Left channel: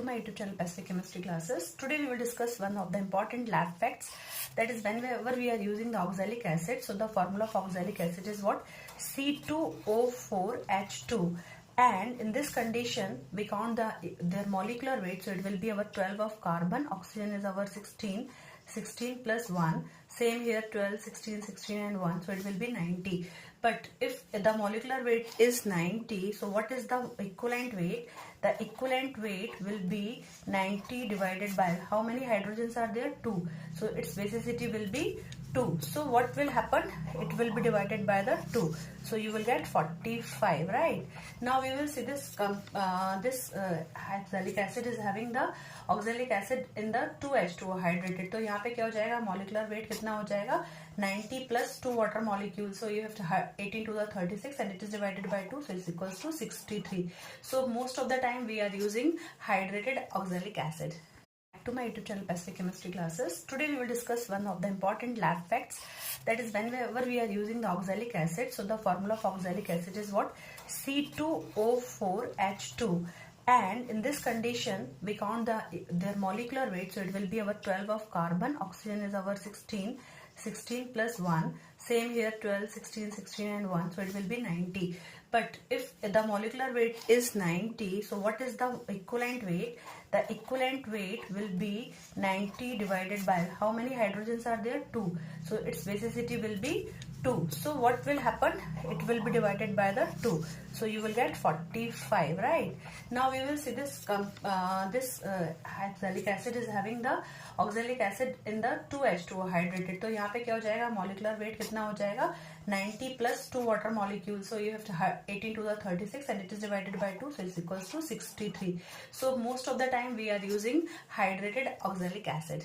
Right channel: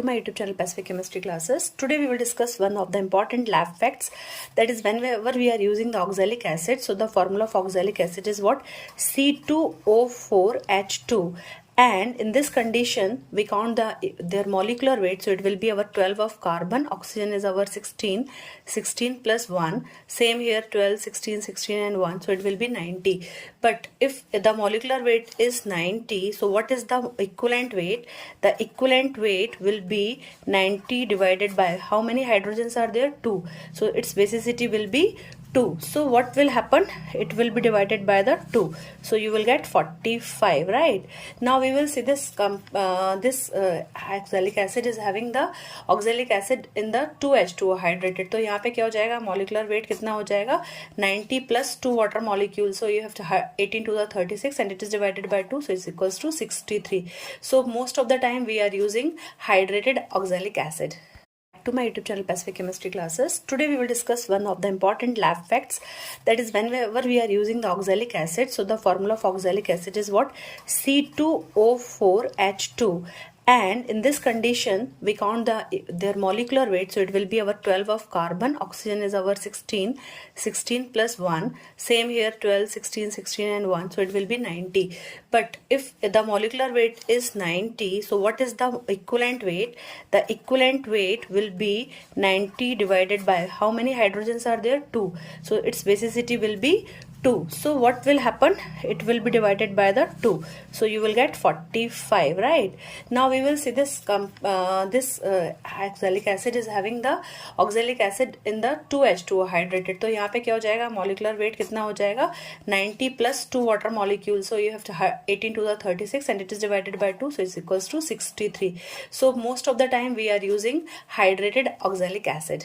To my YouTube channel Pacific Chemistry Classes. Today we will discuss one of the important lab facts, that is whenever we are using the oxalic acid. So the formula of oxalic acid is what? C2O4H2, and in this condition we count their molecular weight. So it will be our 12 of carbon, oxygen is our 16 plus 1, same here 12, 16 and 1, so it will be 90. But if the molecular weight is 90, so what is the equivalent weight? The equivalent weight will be 90 divided by how many hydrogens are there? 2. So its basicity will be 2. So what will happen? It will be divided by the 2. So you will get 45, right? Now we will see this oxalic acid is having the oxalic acid in the 2H2O hydrated. तो यहाँ पे क्या हो जाएगा? Molecular weight कितना हो जाएगा? 90 plus 2 water molecules. So you have to 18 to the 36 and it is divided by 2. So it's equals to 63. So most of the time we are using hydrated oxalic acid. To my YouTube channel Pacific Chemistry Classes. Today we will discuss one of the important lab facts, that is whenever we are using the oxalic acid. So the formula of oxalic acid is what? C2O4H2, and in this condition we count their molecular weight. So it will be our 12 of carbon, oxygen is our 16 plus 1, same here 12, 16 and 1, so it will be 90. But if the molecular weight is 90, so what is the equivalent weight? The equivalent weight will be 90 divided by how many hydrogens are there? 2. So its basicity will be 2. So what will happen? It will be divided by the 2. So you will get 45, right? Now we will see this oxalic acid is having the oxalic acid in the 2H2O hydrated. तो यहाँ पे क्या हो जाएगा? Molecular weight कितना हो जाएगा? 90 plus 2 water molecules. So you have to 18 to the 36 and it is divided by 2. So it's equals to 63. So most of the time we are using hydrated oxalic acid.